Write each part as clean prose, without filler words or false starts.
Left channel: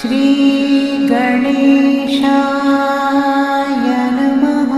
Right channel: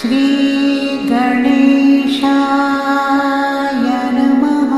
श्री गणेशाय नमः।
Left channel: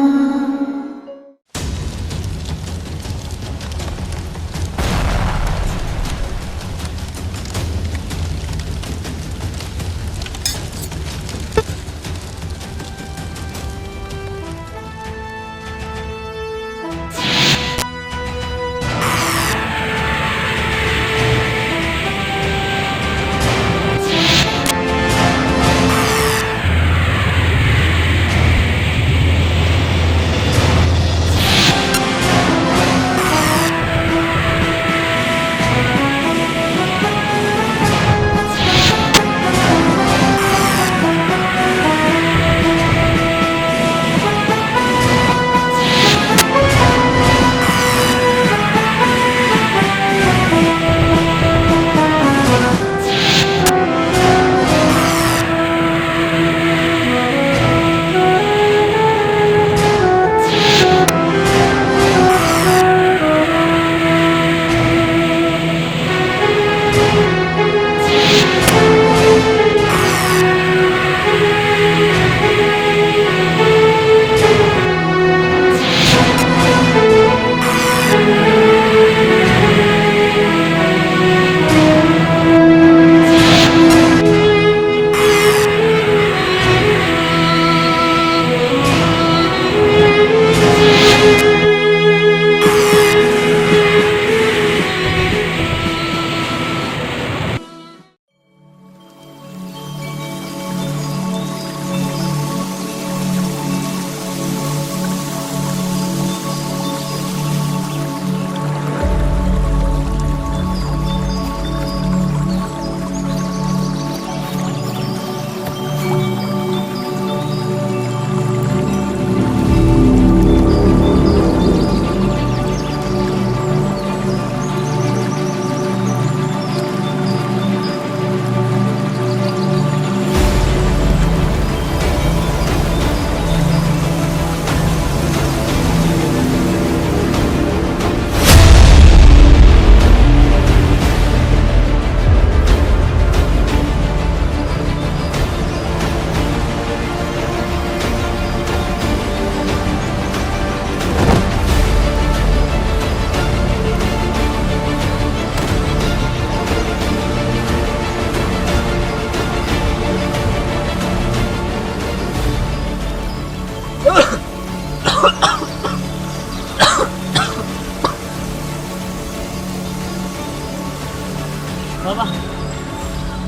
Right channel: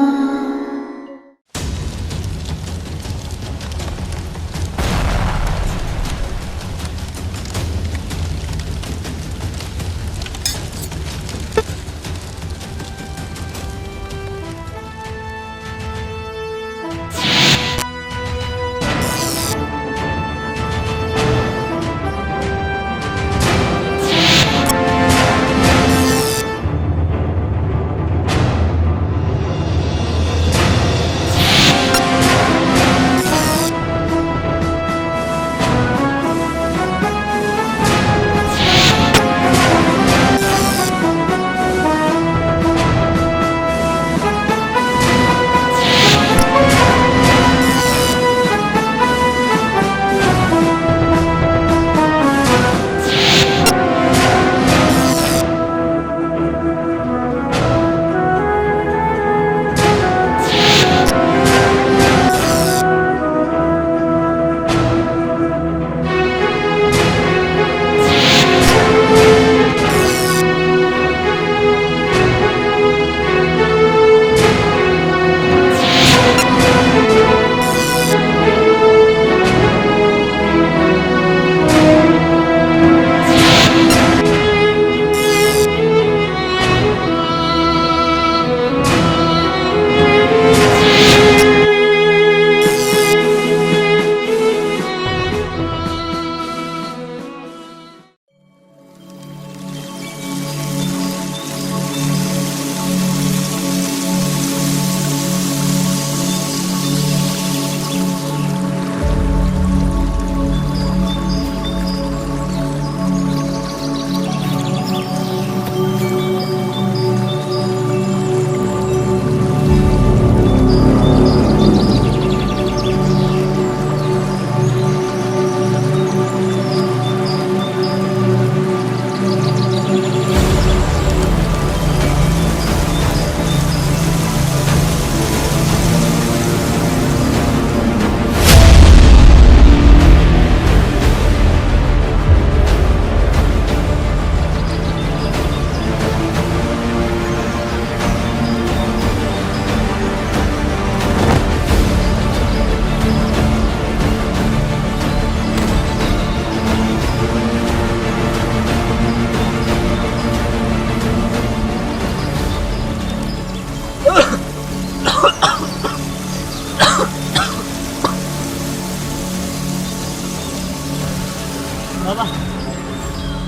बाबा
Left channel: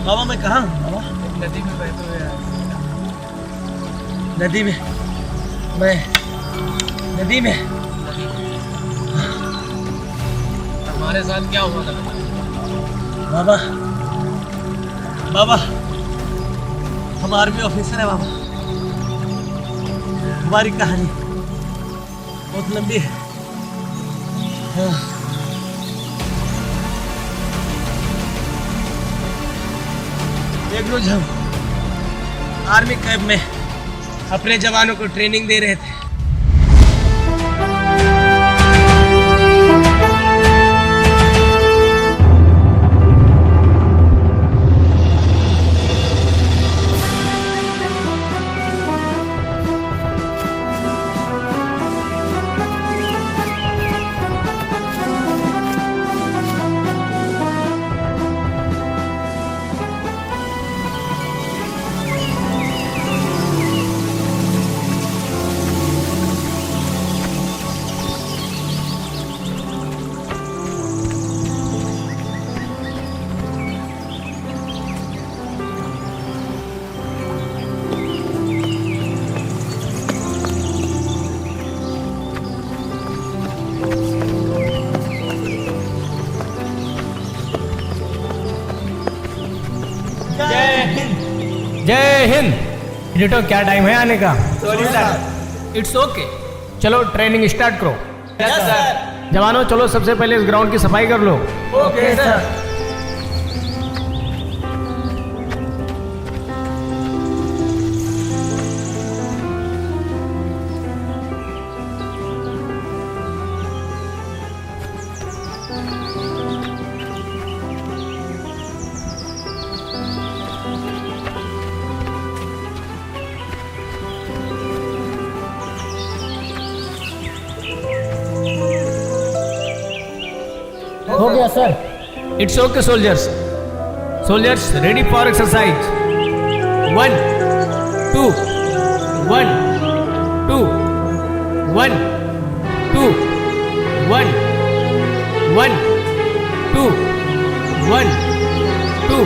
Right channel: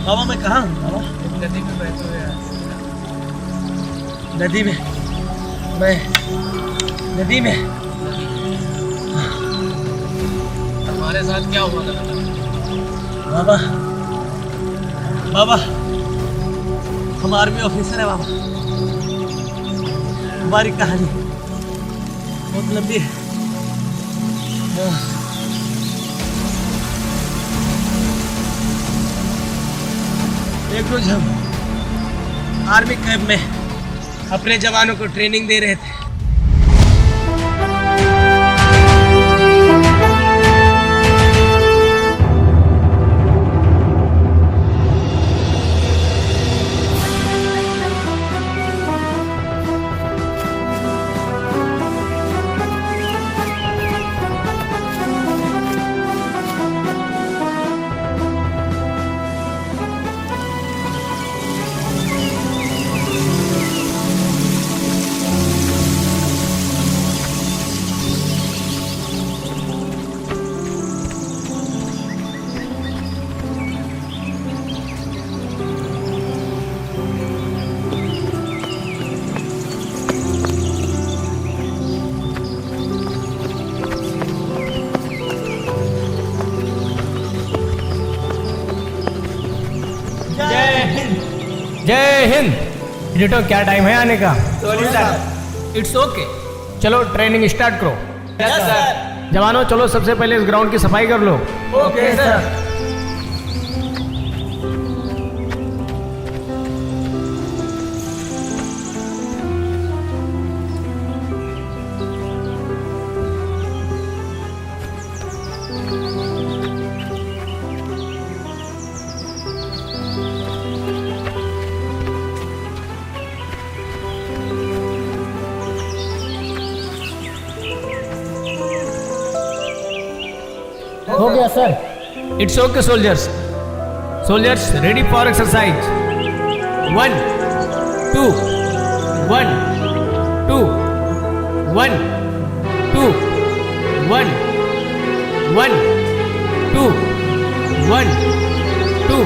बाबा मैं कहाँ हूँ बाबा? नदी में बहते हुए नदी में? मैं नदी में? हमारे साथ क्या हुआ था बेटा? बाबा बाबा हम आर्मी ऑफिसर है बाबा। हमारी कहानी बहुत लंबी है। हाँ। एक रोज हम आर्मी कैंप में अपने जवानों को ट्रेनिंग दे रहे थे। जय हिंद। डिटो क्या टाइम है आने का? Sorry sir. It's okay. चलो ट्रेनिंग स्टार्ट करो। Yes sir. जवानों चलो सबसे पहले इस ग्राउंड की सफाई कर लो। Okay sir. हो गया sir. It's okay, soldiers. Soldiers, ready for exercise. 1, 2, 1, 2, 1, 2, 1, 1, 2, 1, 2,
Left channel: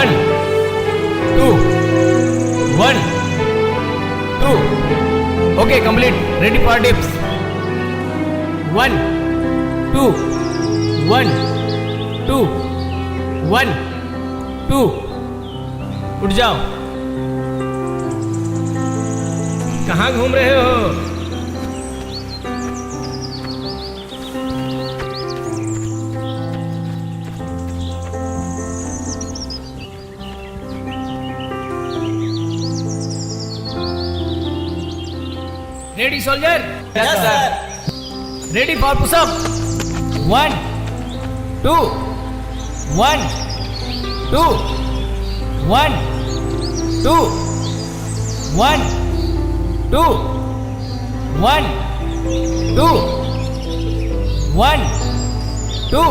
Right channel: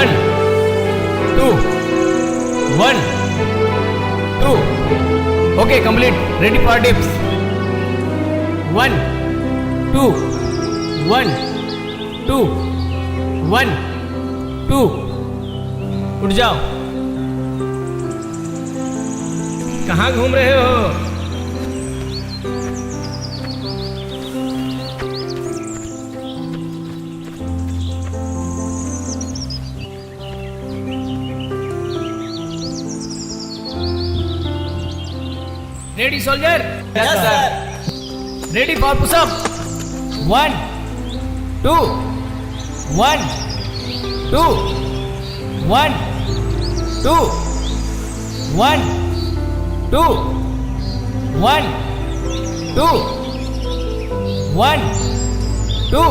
1, 2, 1, 2. Okay, complete. Ready for dips. 1, 2, 1, 2, 1, 2. उठ जाओ. कहाँ घूम रहे हो? Ready, soldier? Yes, sir. Ready for push up? 1, 2, 1, 2, 1, 2, 1, 2, 1, 2, 1, 2.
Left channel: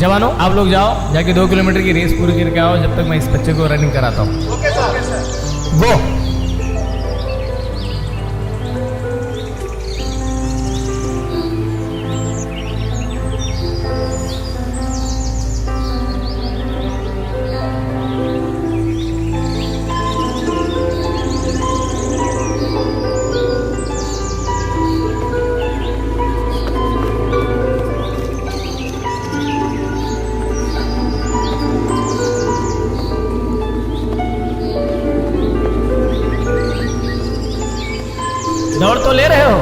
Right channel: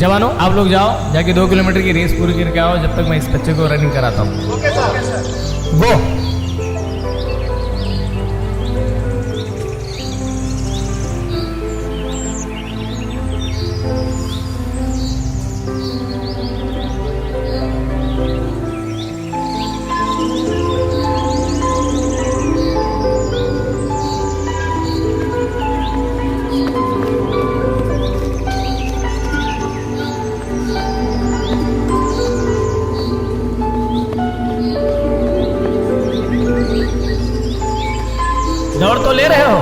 जवानों, आप लोग जाओ, जाके 2 किलोमीटर की रेस पूरी करके आओ, जब तक मैं इस बच्चे को रनिंग कराता हूँ. Okay sir. गो. दौड़ तो ले रहे हो?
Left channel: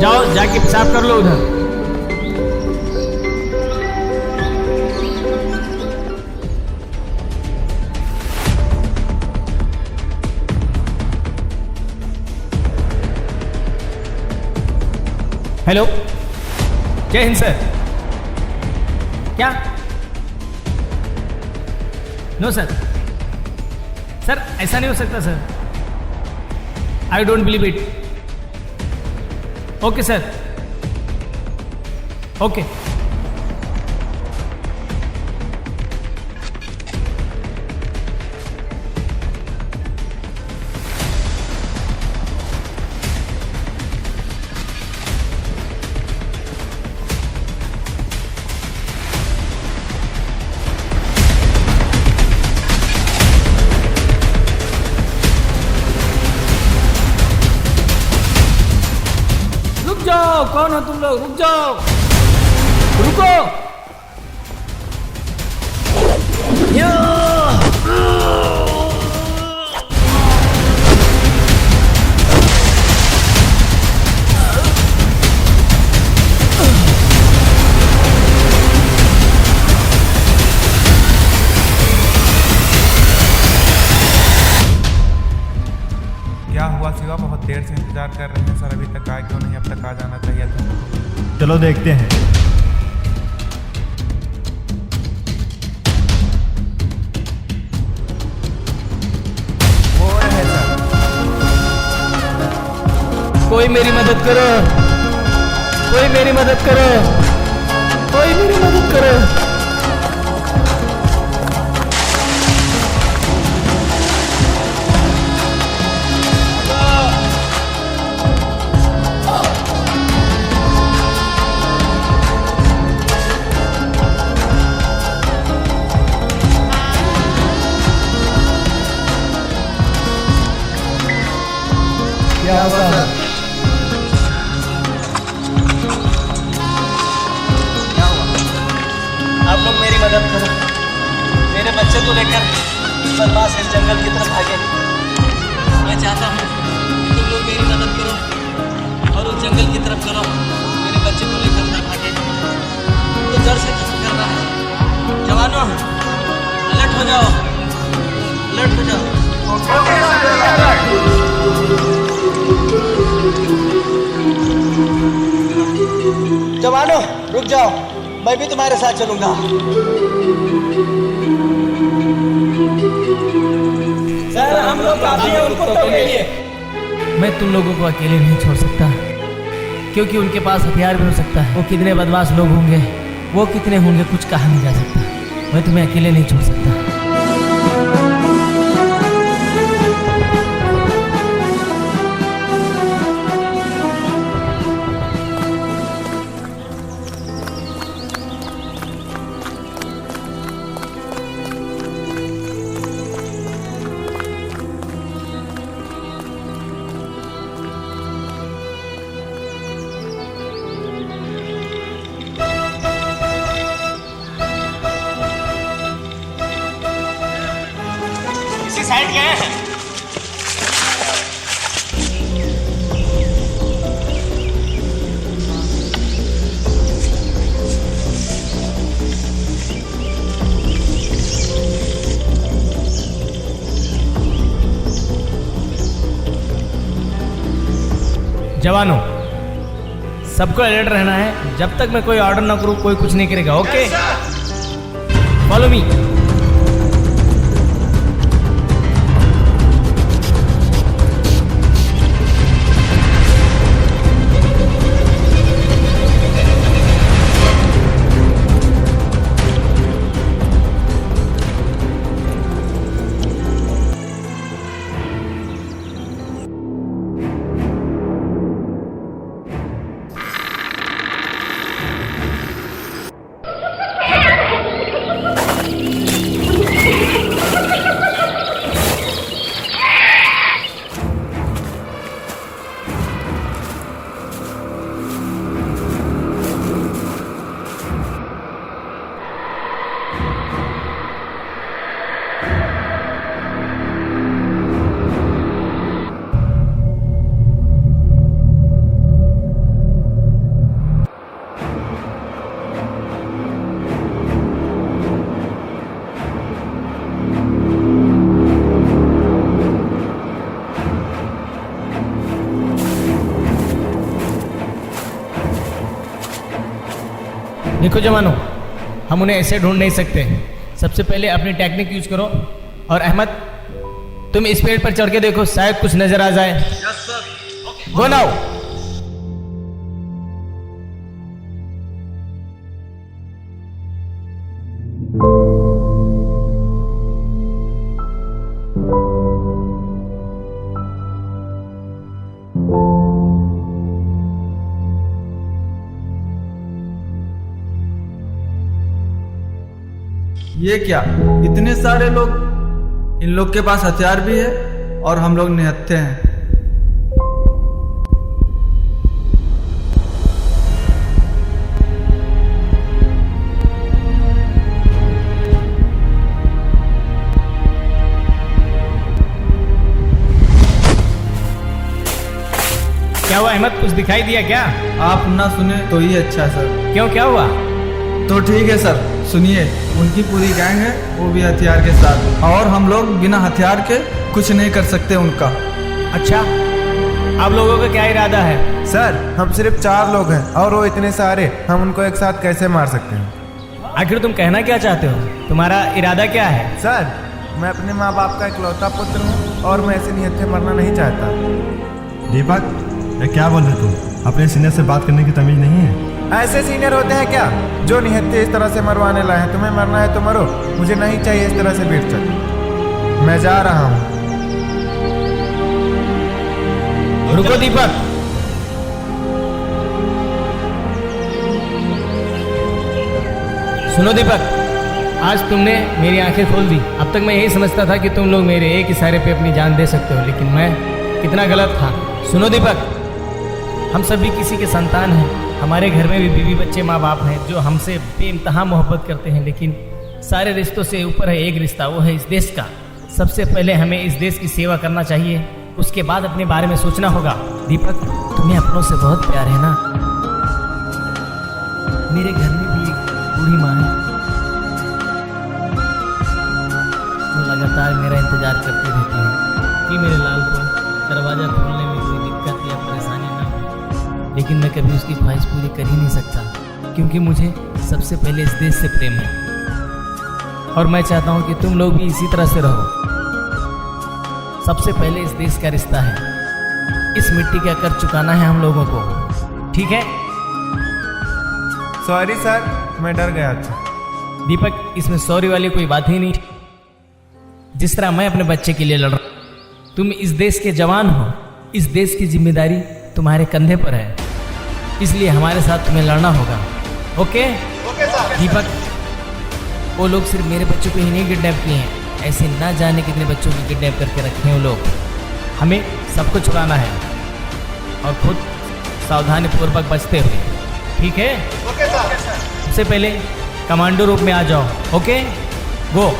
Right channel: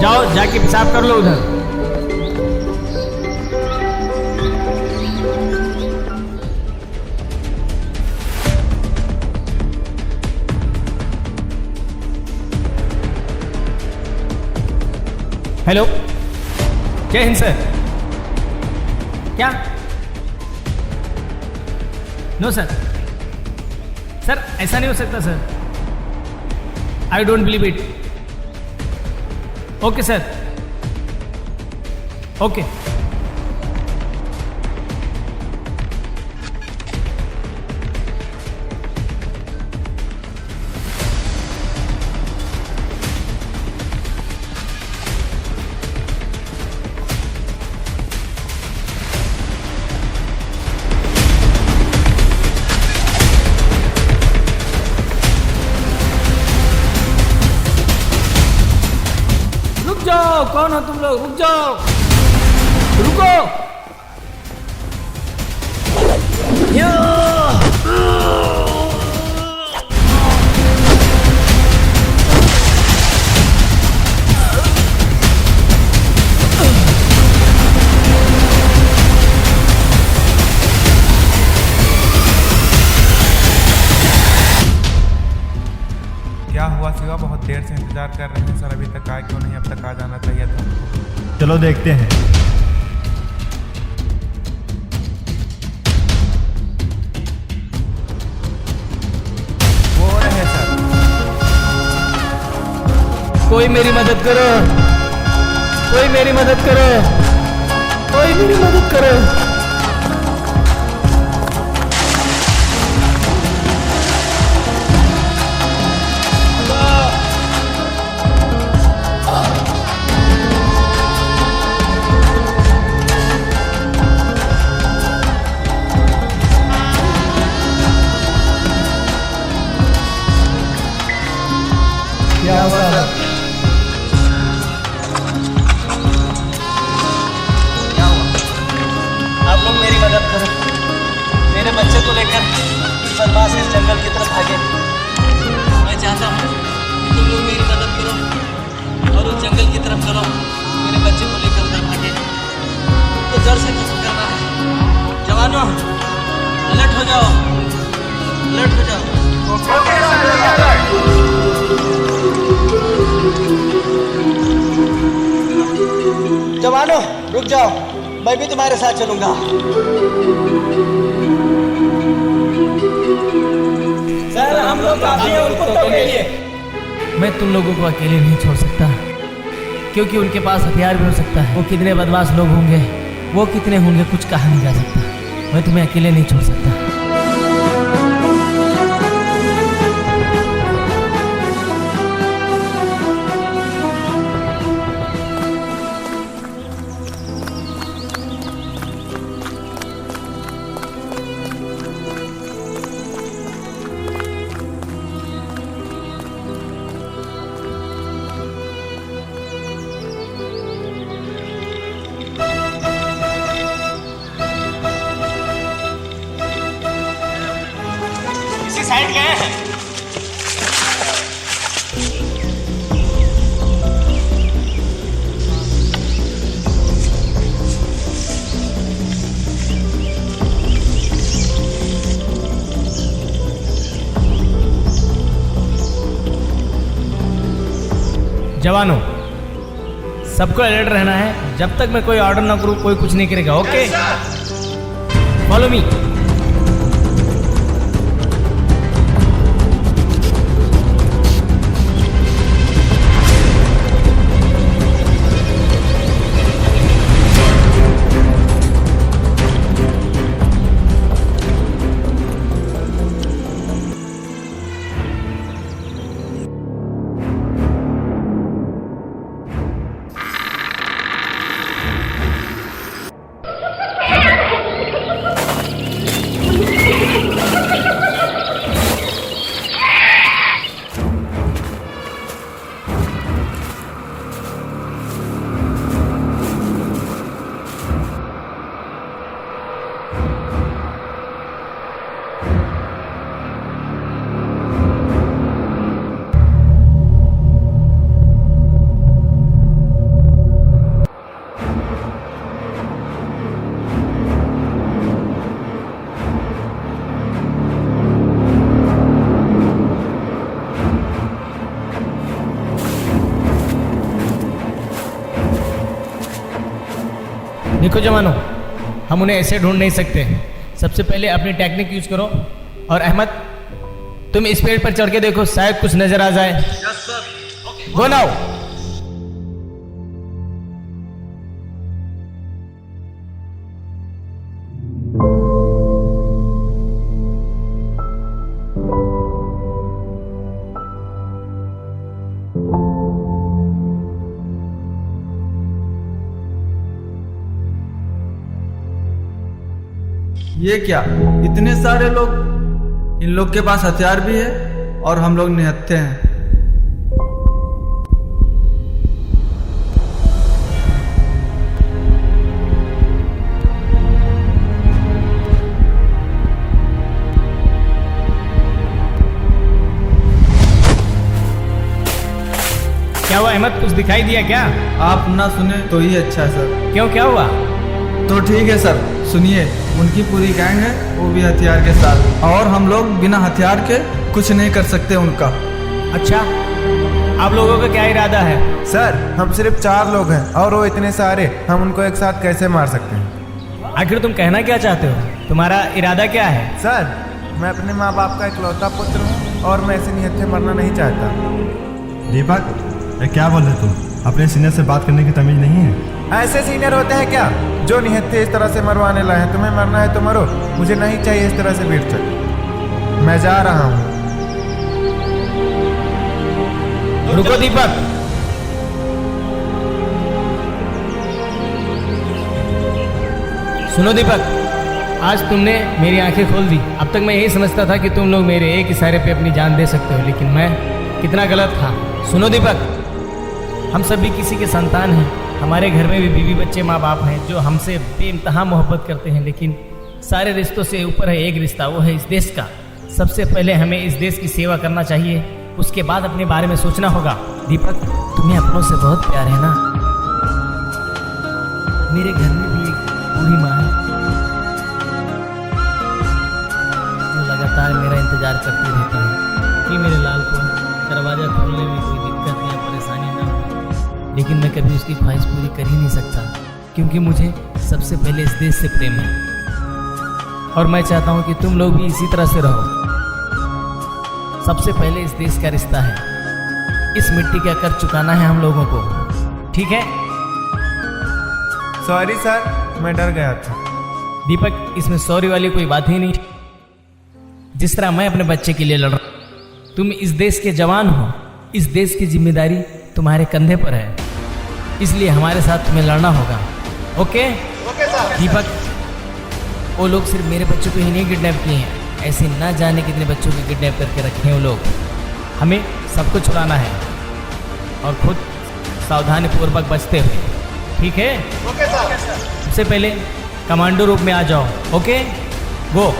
जाओ, जाके पेशाब कर लो उधर. हेलो, जय हिंद सर. क्या? No sir. सर ऐसा नहीं हो सकता sir. I don't believe it. Okay sir. Okay. रुक जाओ. कौन हो तुम लोग? रुक जाओ. रुको. क्या हुआ शिवा? बहुत देर से इंतजार कर रहे हैं सर, अभी तक आए क्यों नहीं? अब तक आ जाना चाहिए था उनको. चलो देखते हैं. वो रहे सर. कोई मेरी मदद करो. कोई मेरी मदद करो. कोई मेरी मदद करो. क्या हुआ सर? तरफ करो। मेरे बच्चे को लेकर बदमाश इस जंगल की तरफ भागे। मैं चाहता हूँ तुम लोग मेरी मदद करो और उस जंगल की तरफ चलो। मेरे बच्चे को लेकर उधर भागे तो जड़ से खत्म करना है। जवानों, अलर्ट हो जाओ, अलर्ट हो जाओ। जवानों, रुक जाओ, मैं भी तुम्हारे साथ चलूंगा। सर हम लोग काफी हैं उनको तो के लिए। मैं तुम लोगों को अकेले नहीं छोड़ सकता, क्योंकि उनके पास हथियार भी हो सकता है। वो कितने बदमाश लोग होंगे, वो कितने होंगे, कुछ कहा नहीं जा सकता। मैं तुम्हें अकेले नहीं छोड़ सकता। इसी साइड गए हैं। जवानों, सबको अलर्ट रहना है। जब तक मैं कोई ऑर्डर ना करूं, कोई कुछ नहीं करेगा। Okay, follow me. देखो जवानों, हम उन्हें ऐसे ढूंढ नहीं सकते। सबसे पहले अपनी टेक्निक यूज करो। और अहमद, तुम इस पेड़ पर चढ़ के देखो, शायद कुछ नजर आ जाए। Go now. ये क्या, इतने सारे लोग? इन लोग के पास हथियार भी है और हम लोग निहत्थे हैं। क्या हुआ अहमद, कुछ दिखाई दिया क्या? आप ना सुने तो ही अच्छा है सर। क्यों, क्या हुआ? तो ठीक है सर, सुनिए। उनकी पूरी गैंग है, वो भी हथियार के साथ, और हम लोग बिना हथियार के कुछ नहीं कर सकते उनका। अच्छा, आप लोगों का क्या इरादा है? सर, हम सिर्फ 4 लोग हैं और वो इतने सारे, हम उनको एक साथ कैसे मार सकते हैं? आखिर तुम कहना क्या चाहते हो? तुम्हारा इरादा क्या है? सर, मैं अपने माँ बाप का इकलौता पुत्र हूँ और मैं ऐसे निहत्थे मरना नहीं चाहता। दीपक, ये क्या बोल रहे तुम? अपने सीनियर से बात करने की तमीज नहीं है? ऐसे सीनियर होते हैं क्या जो निहत्थे इस तरह से मरवाने लाए हैं? तुम्हें मरना है तो मरो, मुझे नहीं चाहिए इस तरह से वीरचक। मैं जा रहा हूँ। रुको दीपक, सुनो दीपक, आज तुमने मेरी आंखें खोल दी। अब तक मैं यही समझता था कि तुम लोग मेरे एक इशारे पे अपनी जान दे सकते हो, लेकिन मैं कितना गलत था। सुनो दीपक, हम सभी किसी के संतान हैं। हमारे घर में भी बीवी बच्चे माँ बाप हैं जो हमसे बेइंतहा मोहब्बत करते हैं, लेकिन सारे रिश्तों से ऊपर है एक रिश्ता, वो है इस देश का। सबसे पहले हमें इस देश की सेवा करना चाहिए, उसके बाद अपने बारे में सोचना होगा। दीपक, तुम्हें अपनों से बहुत प्यार है ना? मेरे घर में भी एक बूढ़ी माँ है जो लगातार मेरा इंतजार करती रहती है कि मेरे लाल को दरवाज़ा खोलने में कोई दिक्कत या परेशानी ना हो। लेकिन मैं कभी उसकी ख्वाहिश पूरी कर ही नहीं सकता, क्योंकि मुझे सबसे पहले इस देश से प्रेम है। और मैं चाहता हूँ कि तुम लोग भी इसी तरह से रहो। सबसे पहले इस देश का रिश्ता है, इस मिट्टी का कर चुकाना है हम लोगों को, ठीक है? सॉरी सर, मैं डर गया था। दीपक, इसमें सॉरी वाली कोई बात ही नहीं। जिस तरह मैं अपने बच्चे के लिए लड़ रहा हूं, तुम इस देश के जवान हो, इस देश की जिम्मेदारी तुम्हारे कंधे पर है, इसलिए हमारे साथ तुम्हें लड़ना होगा। ओके? दीपक, वो लोग सिर्फ मेरे बच्चों को ही नहीं किडनैप किए हैं, ऐसे ना जाने कितने बच्चों को किडनैप करके रखे हैं वो लोग। हमें सबको छुड़ाना है और खुद सावधानी पूर्वक बचते हुए, ठीक है? Okay sir. सबसे पहले कमांडो रूप में आ जाओ। ओके, गो।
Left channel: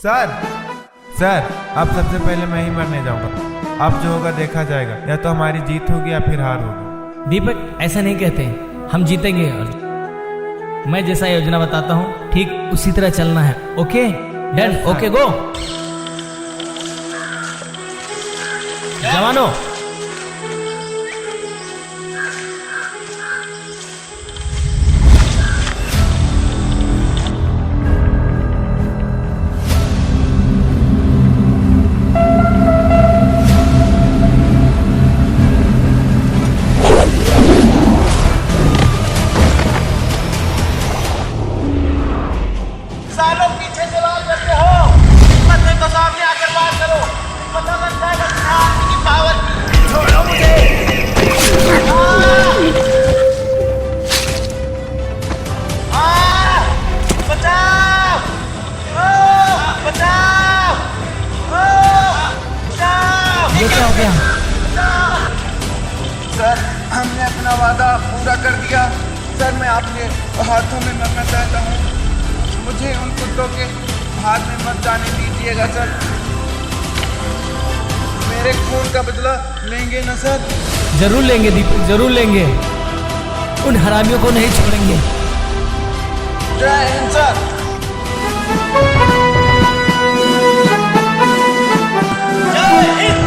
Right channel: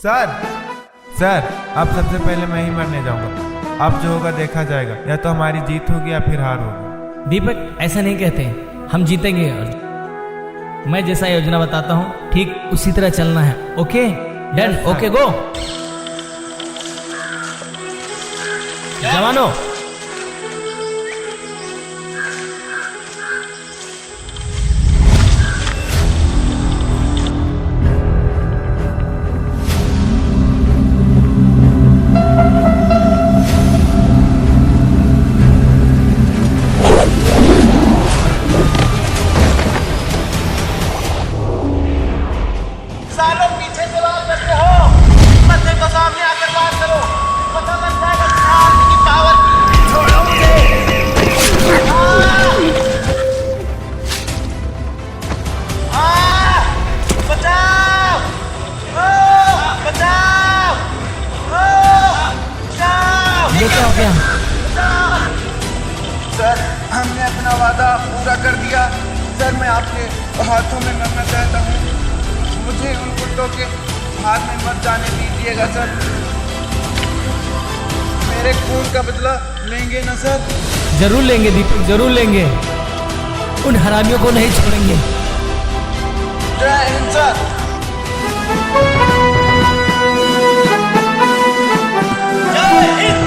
सर सर, अब सबसे पहले मैं ही मरने जाऊंगा। अब जो होगा देखा जाएगा, या तो हमारी जीत होगी या फिर हार होगी। दीपक, ऐसा नहीं कहते, हम जीतेंगे। और मैं जैसा योजना बताता हूँ ठीक उसी तरह चलना है। ओके? डन? ओके, गो। जवानों, सालों पीछे से वार करते हो, हिम्मत है तो सामने आकर वार करो, पता लग जाएगा तुम्हें आर्मी की पावर की। छोड़ो मुझे। बचाओ! बचाओ! बचाओ! ये क्या हो गया? सर, हमने अपना वादा पूरा कर दिया। सर, मैं आपके हाथों में मरना चाहता हूँ। मुझे उन कुत्तों के हाथ में मत जाने दीजिएगा सर। मेरे खून का बदला लेंगे ना सर? जरूर लेंगे दीपक, जरूर लेंगे। उन हरामियों को नहीं छोड़ेंगे। जय हिंद सर। जय हिंद।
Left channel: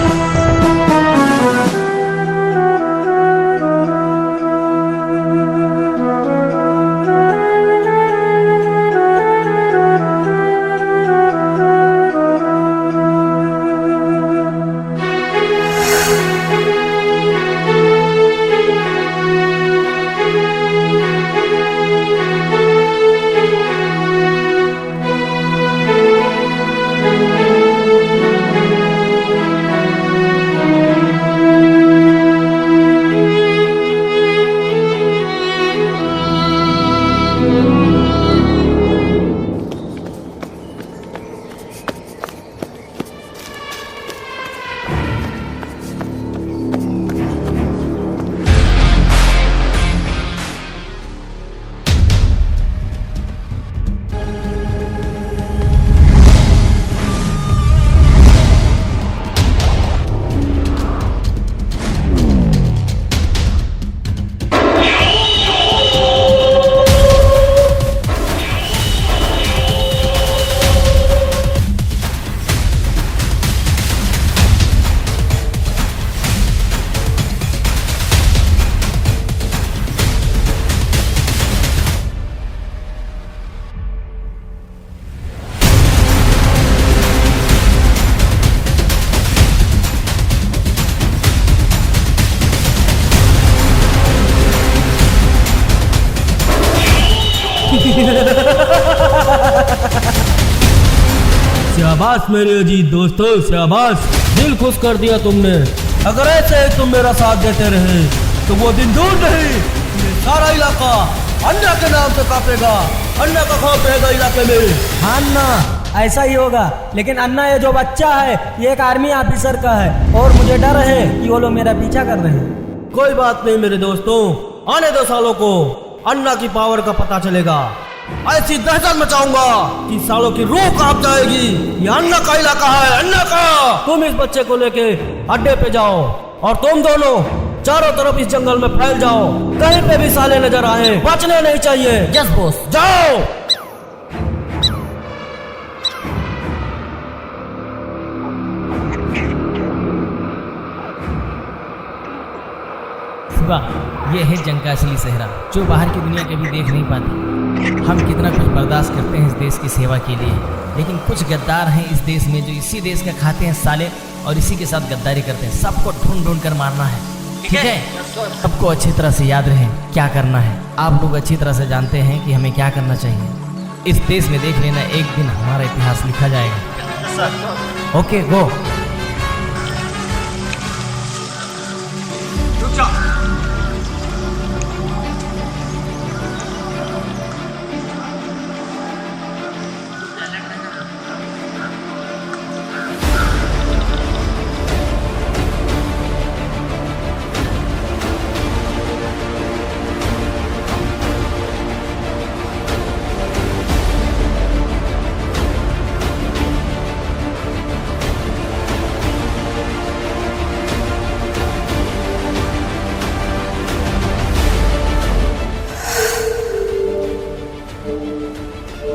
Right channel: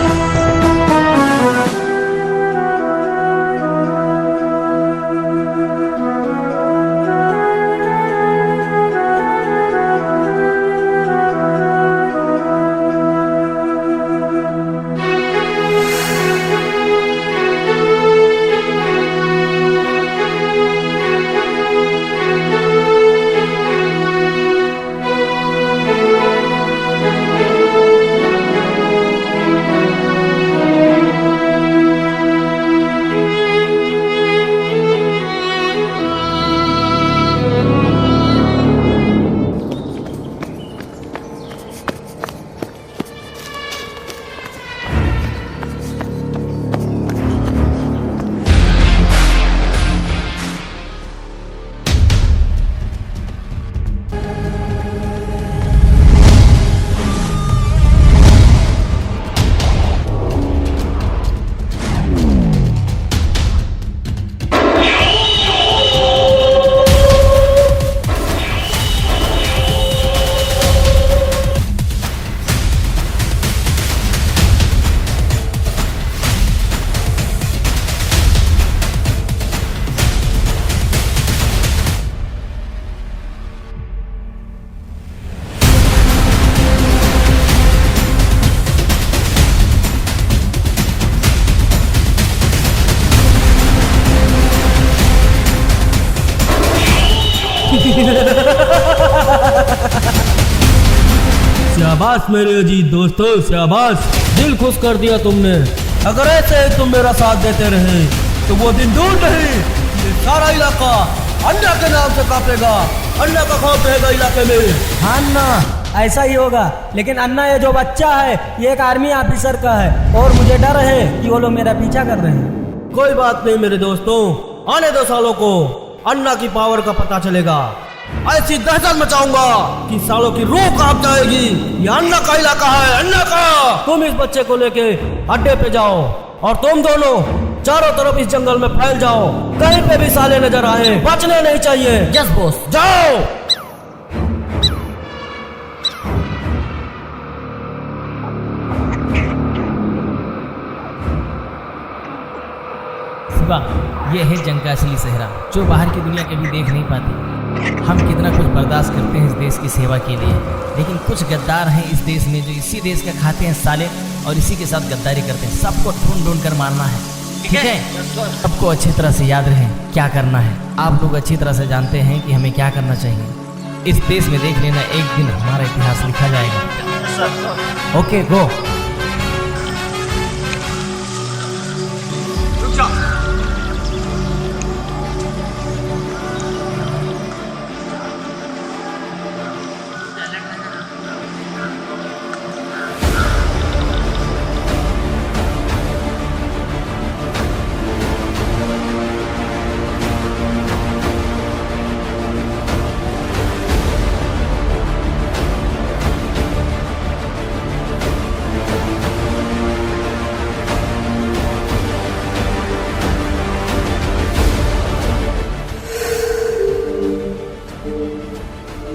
शाबाश मेरे अजीज दोस्तों, शाबाश, दिल खुश कर दिया तुमने। अगर ऐसे ही तुम मेरा साथ देते रहे तो वो दिन दूर नहीं, ये सारा इलाका अन्ना के नाम से कांपेगा। अन्ना का खौफ रहेगा इलाके में। हाँ अन्ना, ऐसा ही होगा। लेकिन अन्ना ये जो बच्चा है ये एक आर्मी ऑफिसर का है और मुझे डर है कि वो लोग मेरा पीछा कर रहे हैं। कोई बात नहीं मेरे दोस्तों, आने 2 सालों को अन्ना की पावर का पता चलेगा। ऐसी दहशत मचाऊंगा कि सालों की रूह कांप जाएगी। ये अन्ना का इलाका है, अन्ना का। तुम इस बच्चे को लेके अड्डे पे जाओ और तुम दोनों चारों तरफ इस जंगल में फैल जाओ। कहीं पे भी साले नजर आए बचने नहीं चाहिए। Yes boss. जाओ। शिवा, ये है जंग का असली सेहरा जो बाहर की दुनिया कभी देख नहीं पाती। हम कितना कुछ बर्दाश्त करते हैं इस देश की सेवा के लिए, लेकिन कुछ गद्दार हैं इस देश में जो इसी देश का खाते हैं साले और इसी के साथ गद्दारी करते हैं। सबको ढूंढ ढूंढ कर मारना है, ठीक है? सबको अच्छी तरह से याद रहे क्या करना है। आप लोग अच्छी तरह से जानते हैं कि हमें क्या करना चाहिए। इस देश में देख लेना, एक दिन हमारा इतिहास लिखा जाएगा। Okay go.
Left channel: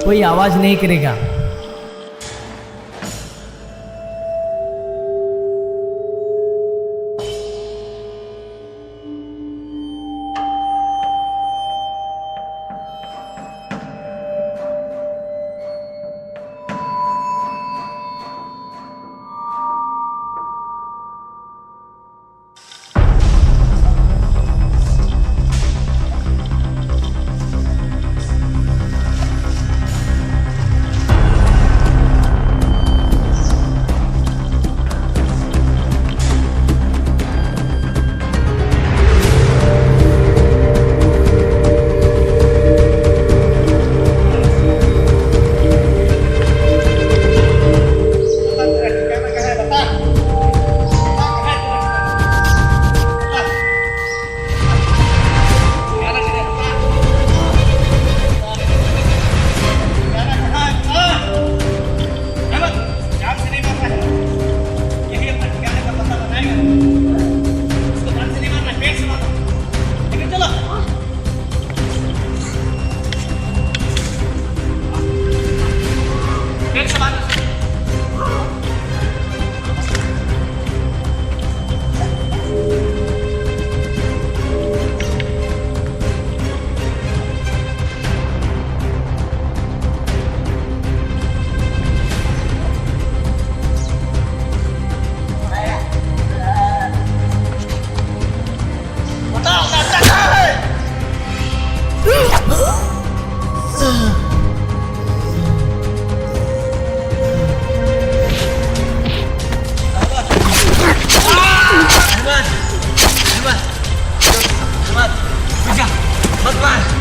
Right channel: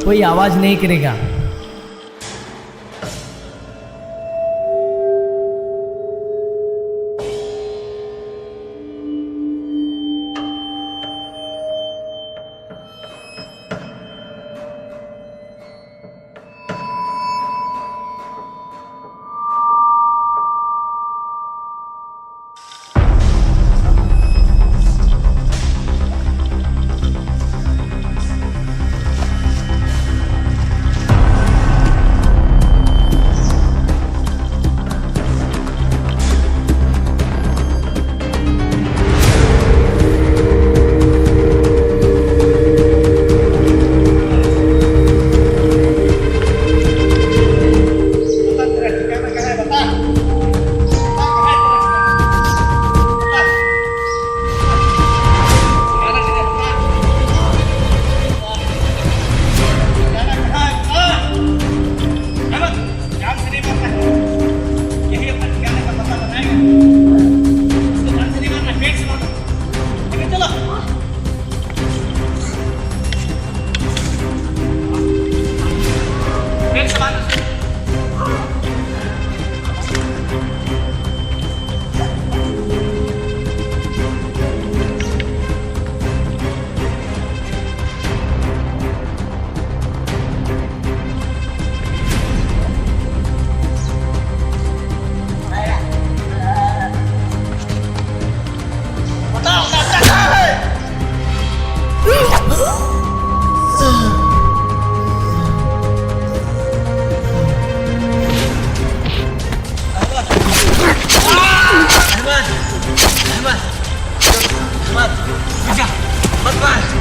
कोई आवाज नहीं करेगा।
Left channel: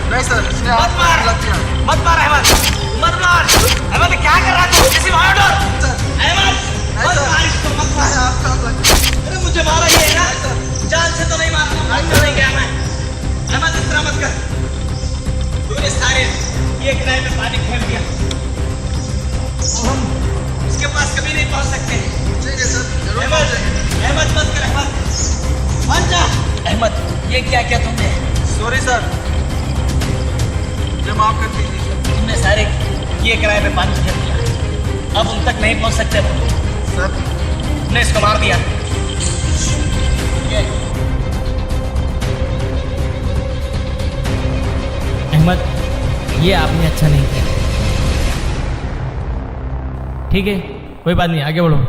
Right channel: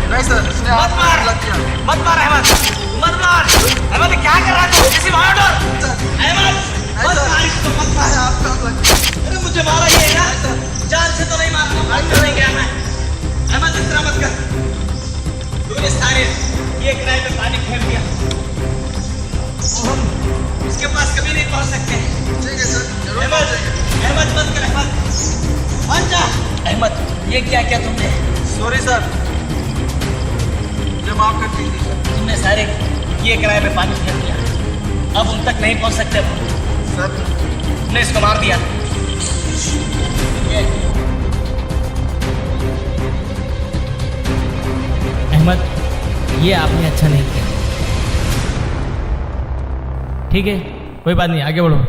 नहीं सर, इसने मत मार, मत मार अहमद, मत मार अहमद। क्या कर रहा है तू? किसी मार दो अहमद, मत मार इसको, मत मार। अरे मुझे मारा ये है ना, जान से तो नहीं मारना, मार नहीं गया मैं। अहमद इस तरह मत कर। तूने सारे ये किराए पे पानी फेंक दिया, हम उसके पास कभी नहीं पहुंच सकते। ठीक है सर, जरूर अहमद, अहमद मत कर अहमद, मान जा। अहमद ये क्या क्या तुमने? सॉरी सर, मुझे माफ कर दीजिए। तुमने सारे किए किराए पे पानी फेंक दिया, अब उन तक नहीं पहुंच सकते सर। तुमने इसको मार दिया। अहमद, ये आपने अच्छा नहीं किया। ठीक है, कोई बात नहीं, आगे बढ़ो।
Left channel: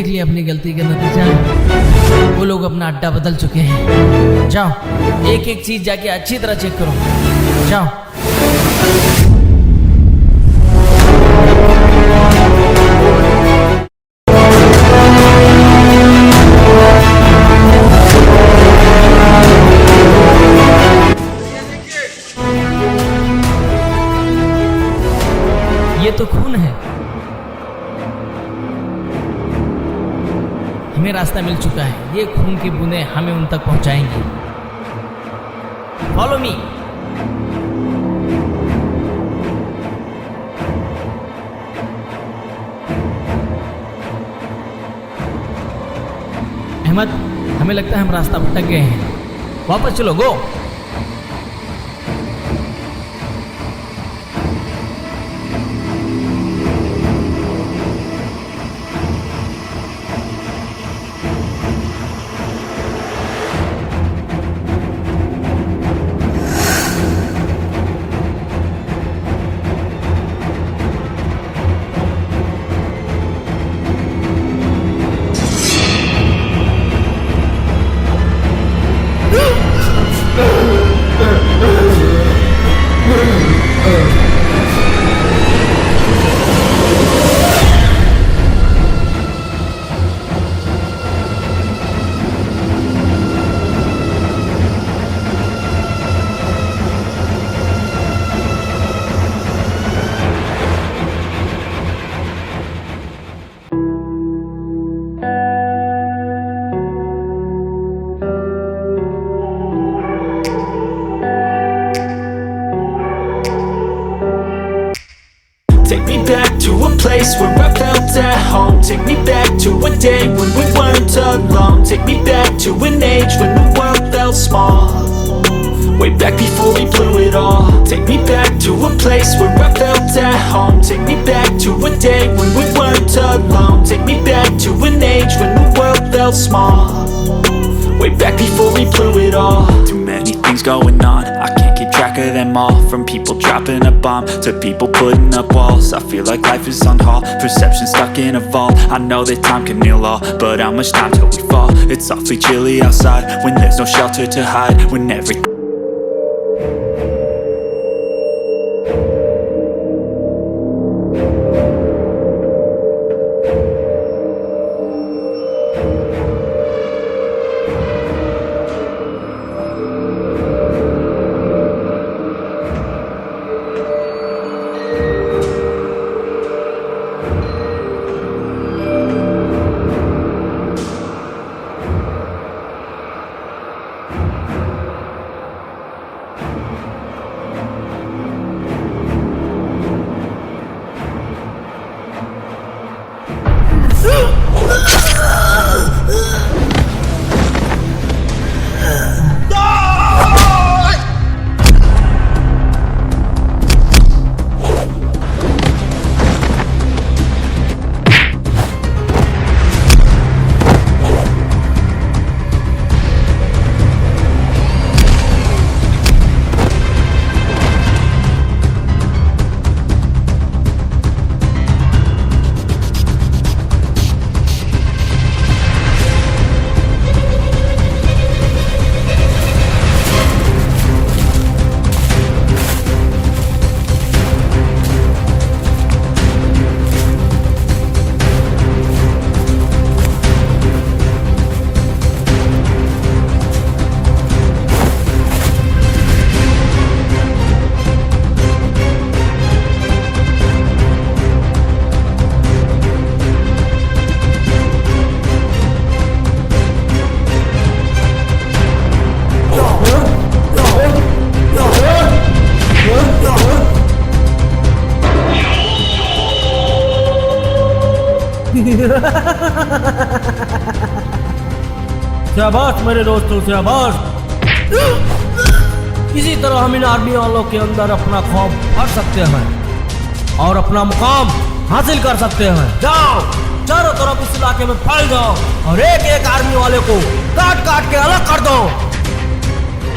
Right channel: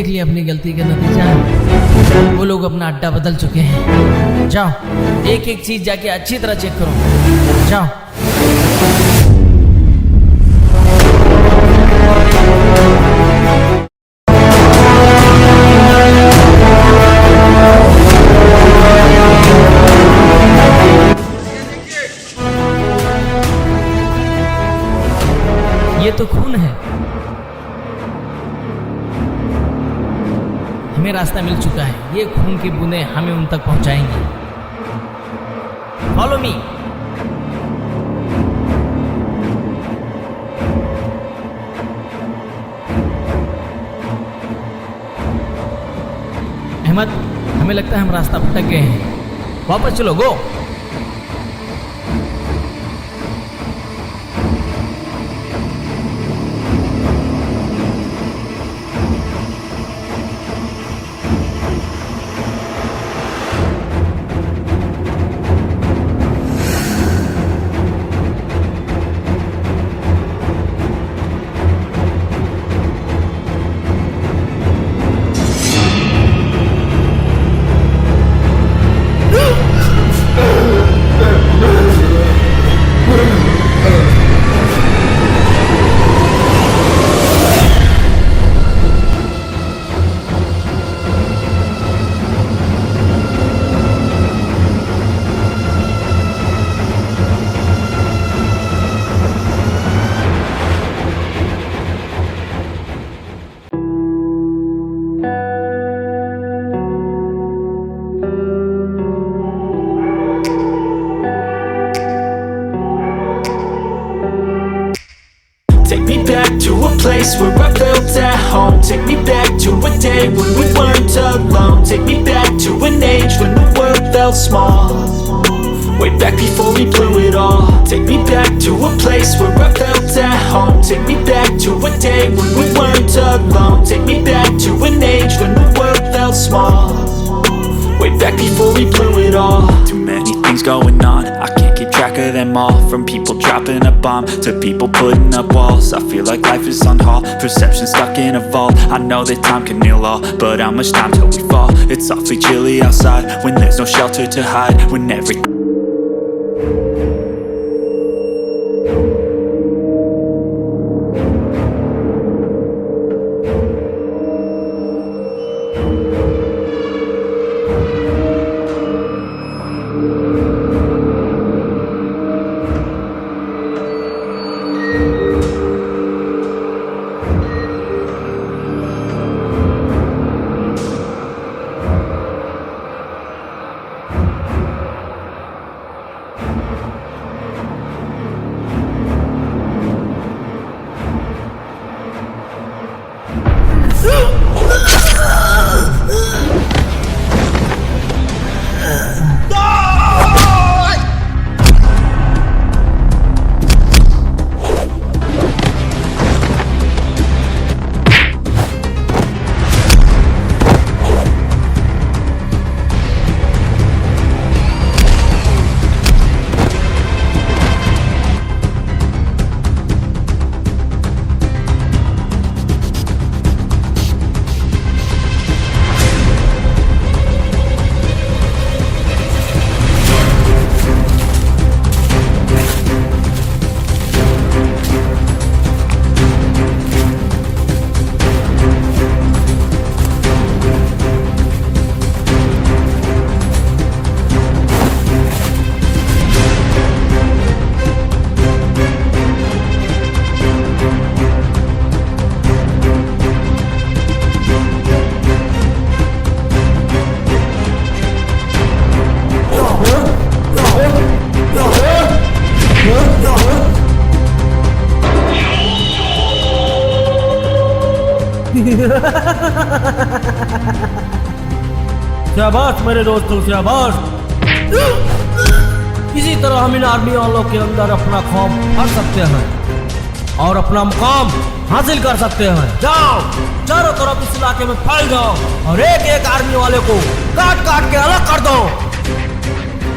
देख लिया अपनी गलती का नतीजा। वो लोग अपना अड्डा बदल चुके हैं। जाओ एक एक चीज जाके अच्छी तरह चेक करो। जाओ। ये तो खून है। हमें रास्ता मिल चुका है। ये खून की बूंदें हमें उन तक पहुंचाएंगी। Follow me. अहमद, हमें लगता है हम रास्ता भटक गए हैं। वापस चलो, गो। Take me back to a place where I felt at home. Take me back to a day when we weren't alone. Take me back to an age when the world felt small. Way back before we blew it all. Take me back to a place where I felt at home. Take me back to a day when we weren't alone. Take me back to an age when the world felt small. Way back before we blew it all. Too many things going on, I can't keep track of them all. From people dropping a bomb to people putting up walls. I feel like life is on hold, perception stuck in a vault. I know that time can heal all, but how much time till we fall? It's awfully chilly outside when there's no shelter to hide. When everything शाबाश मेरे दोस्तों, शाबाश। इसी तरह हम इन army वालों के अंदर अपना खौफ भर सकते हैं और अपना मुकाम हासिल कर सकते हैं। जाओ, चारों तरफ इस इलाके में फैल जाओ और एक एक आर्मी वाले को काट काट के अलग कर दो।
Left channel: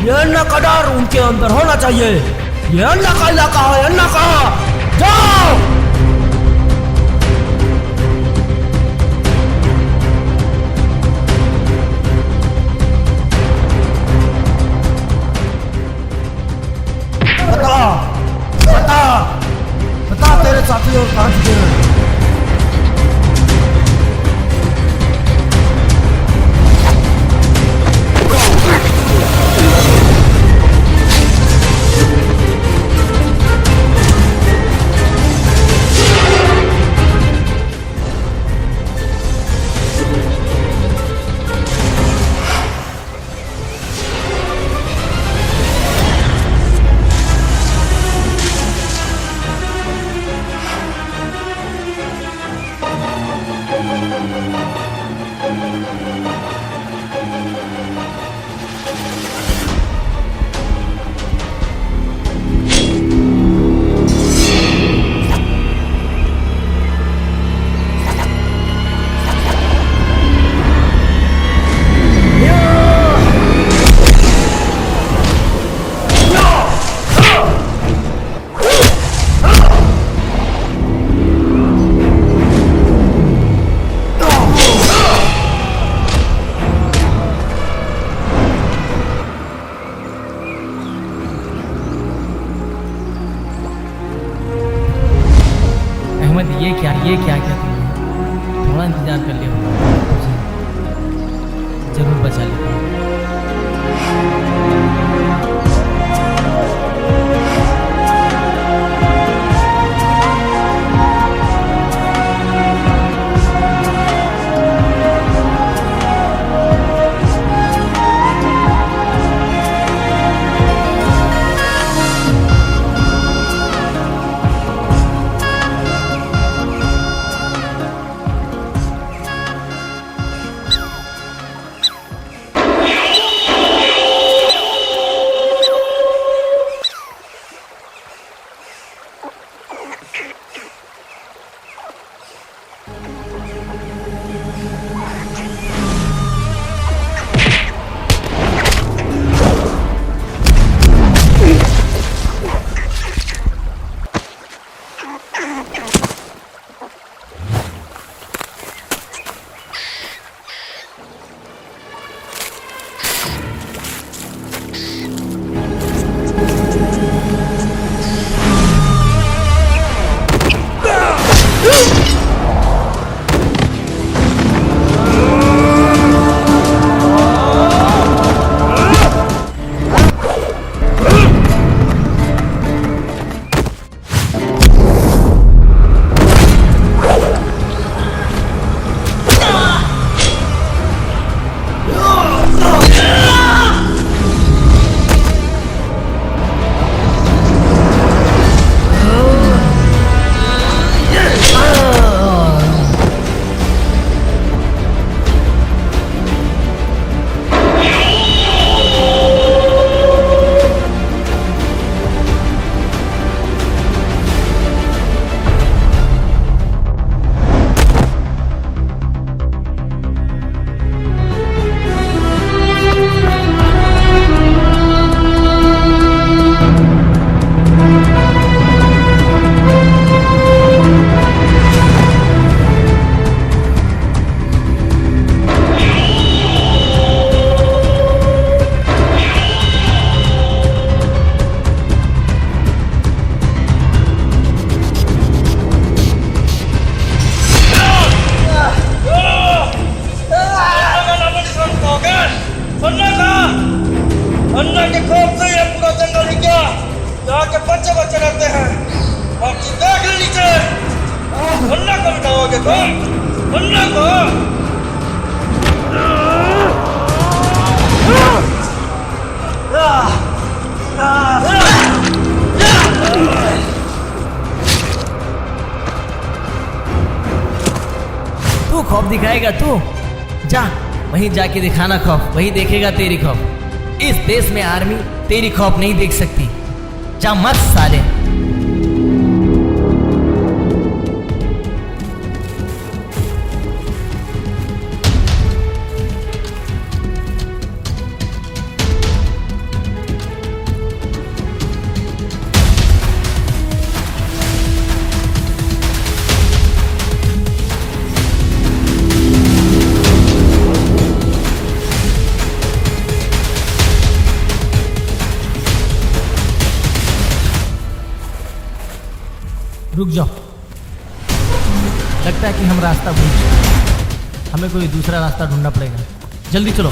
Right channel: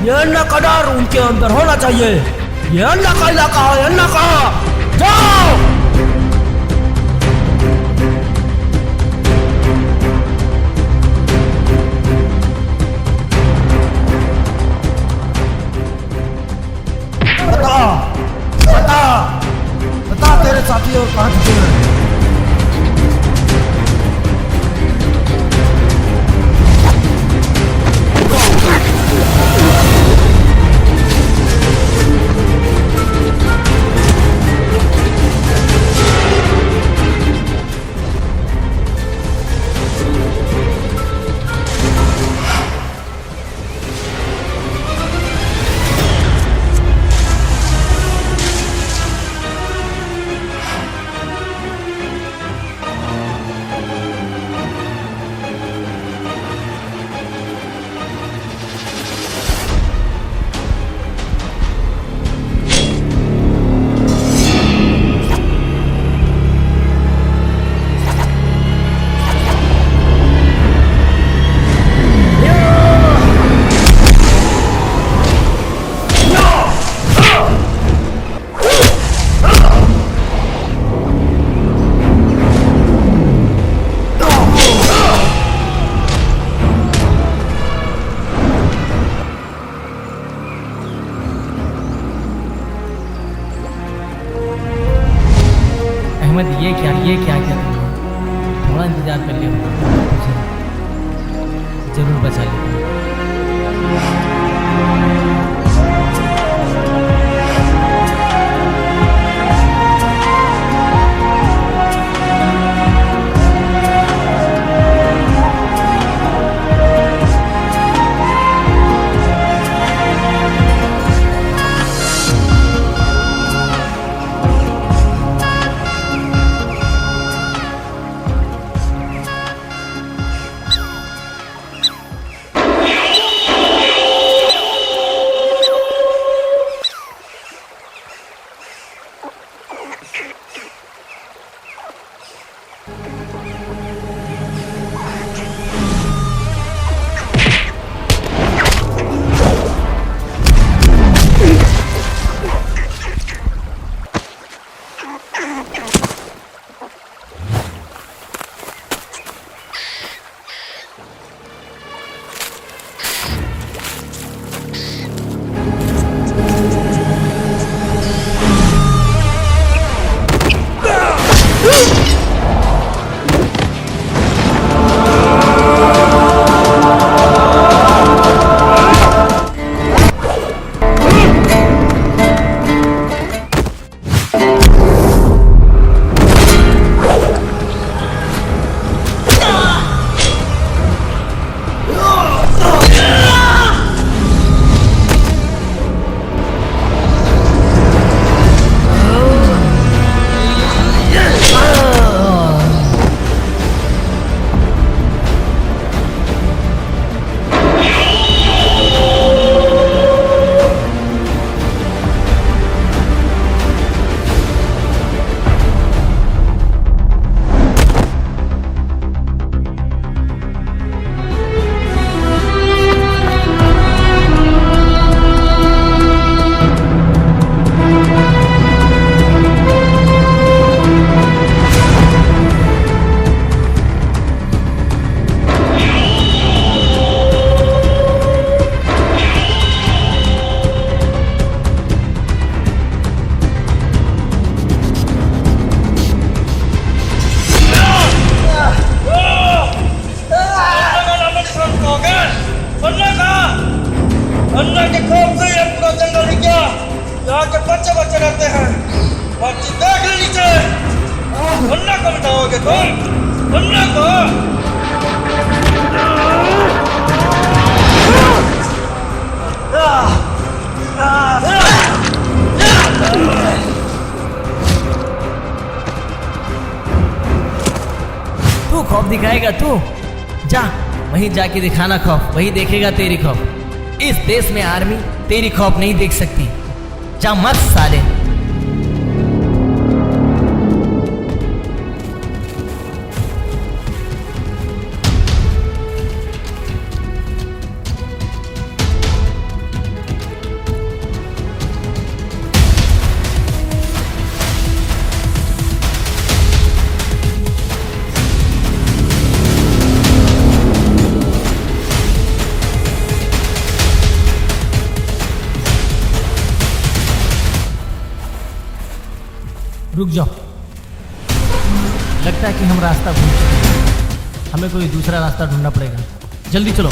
ये अन्ना का डर उनके अंदर होना चाहिए। ये अन्ना का इलाका है, अन्ना का। जाओ। थोड़ा इंतजार कर लिया होगा, तुझे जरूर बचा लेगा। अन्ना के खौफ से ये पूरा जंगल ही क्या यहाँ के बच्चे बच्चे रहते हैं। बच्चे देख ले नीचे, अन्ना को मिटाओगे तुम, अन्ना को। तू खौफ दिखाएगा? तू जा वहीं जाके दिखाना खौफ, वही देखेगा तेरी खौफ। इस देश में आर्मी तेरी खौफ नहीं देख सकती। जा मत साले। रुक जाओ, लगता है कि हम रास्ता भूल चुके। हमें कोई दूसरा रास्ता ढूंढना पड़ेगा। जल्दी चलो।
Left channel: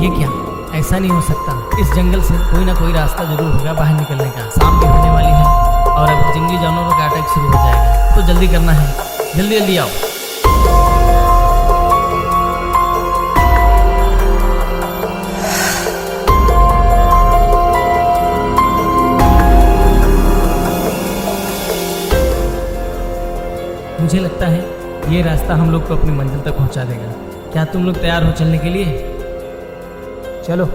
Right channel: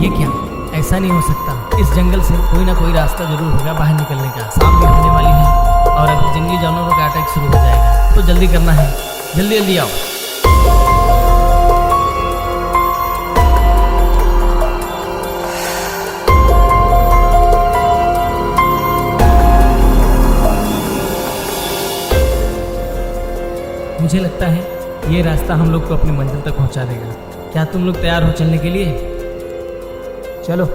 ये क्या? ऐसा नहीं हो सकता। इस जंगल से कोई ना कोई रास्ता जरूर होगा बाहर निकलने का। शाम भी होने वाली है और अभी जंगली जानवरों का अटैक शुरू हो जाएगा, तो जल्दी करना है। जल्दी जल्दी आओ। मुझे लगता है ये रास्ता हम लोग को अपनी मंजिल तक पहुंचा देगा। क्या तुम लोग तैयार हो चलने के लिए? चलो।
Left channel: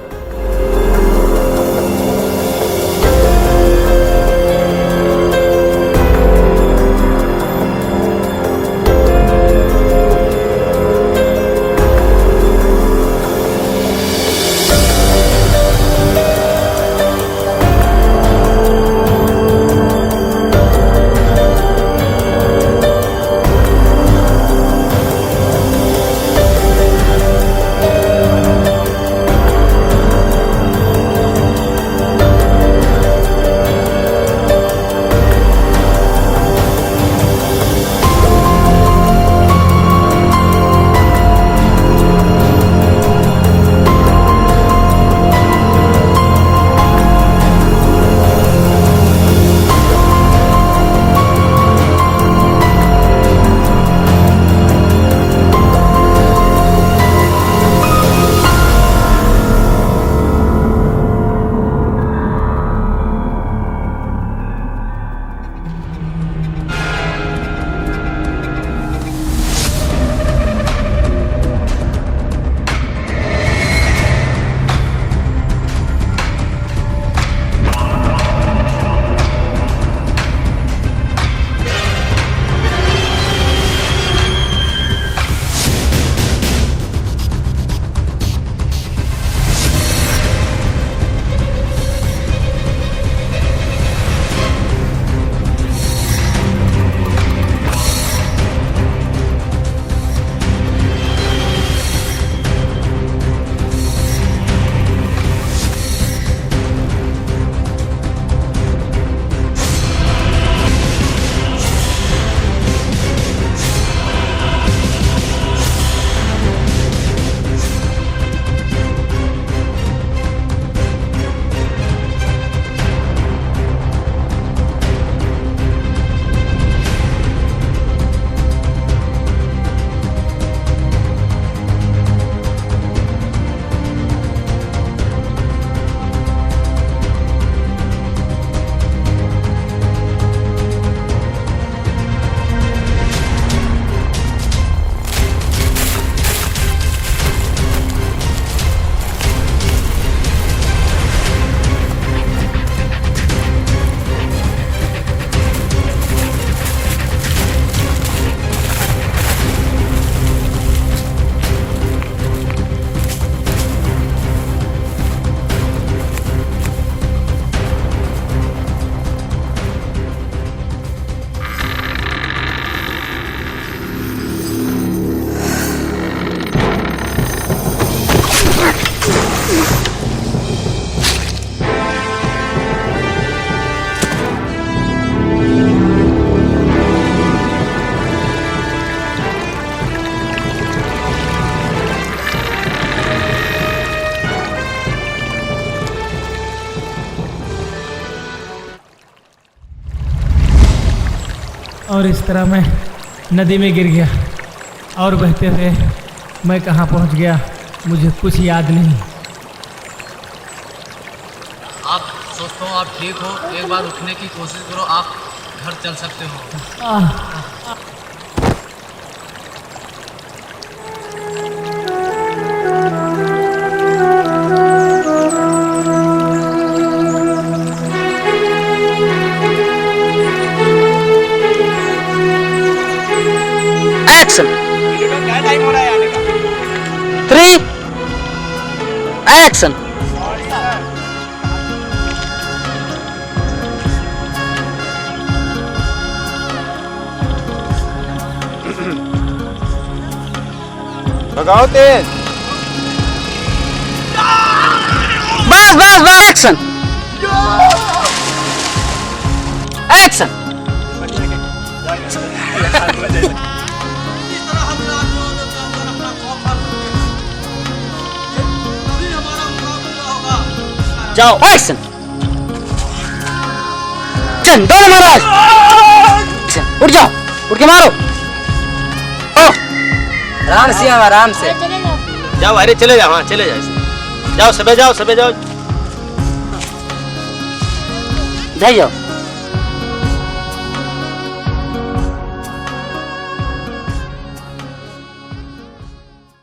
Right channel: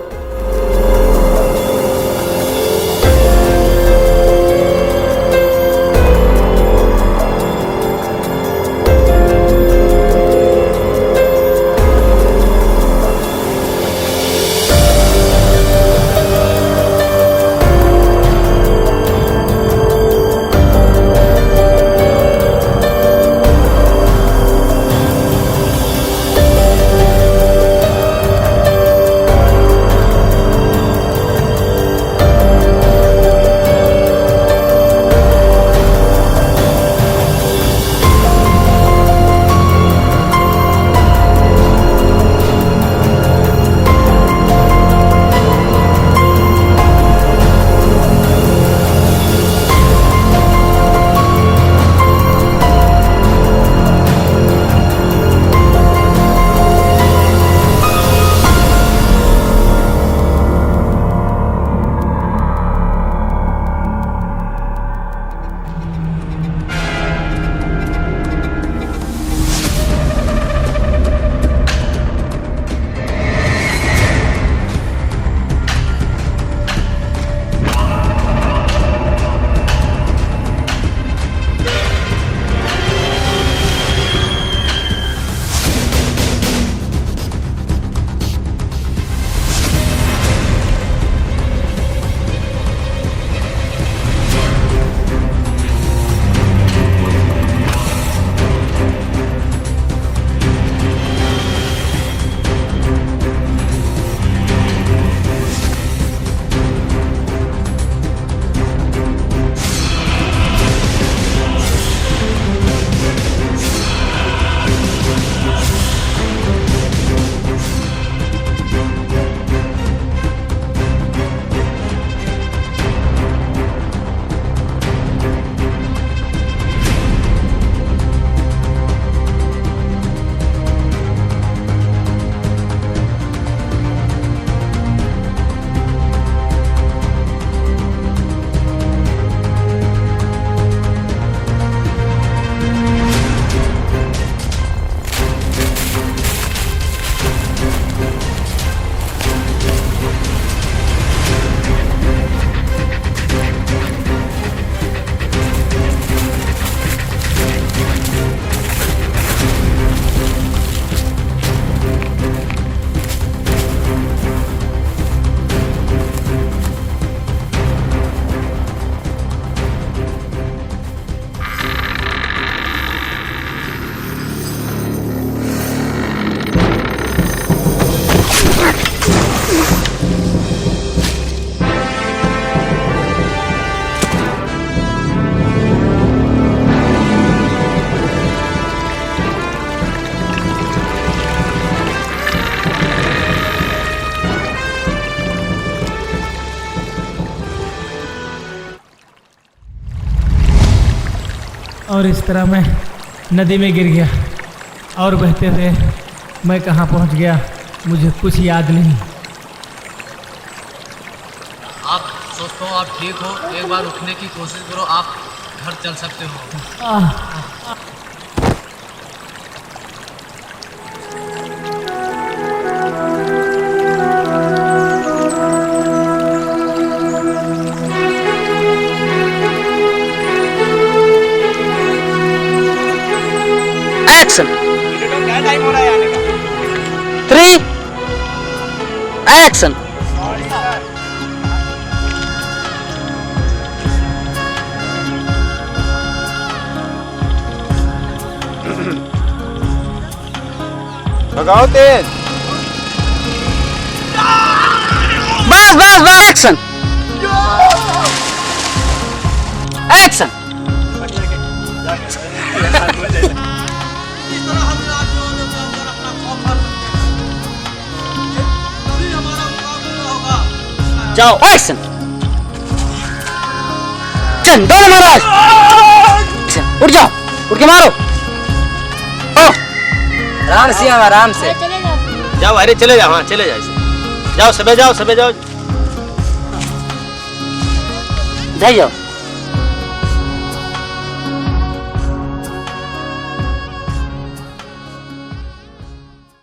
और इस तरह मैं नदी में गिर गया और बहते हुए मैं कहाँ पहुँच गया मुझे कुछ याद नहीं। आप दोस्तों आप ठीक हो, एक बार उठने की कोशिश करो, आप घर चल सकते हो। एक्शन। क्या टाइम हो रहा है आने का? 3 एक्शन। लगाओ तेज। बस बस बस एक्शन एक्शन। इस तरह हम आदमियों ने मिलकर अपना खौफ हार सकते हैं। तभी हमारा मुकाबला होगा। जाओ एक्शन। चल दौड़ महाराज, उठ जाओ, उठ के मारो। आराम से आराम से जाओ, अरे चले जाओ, हाँ चले जाओ, जाओ सबे जाओ, सबे जाओ, जाइए।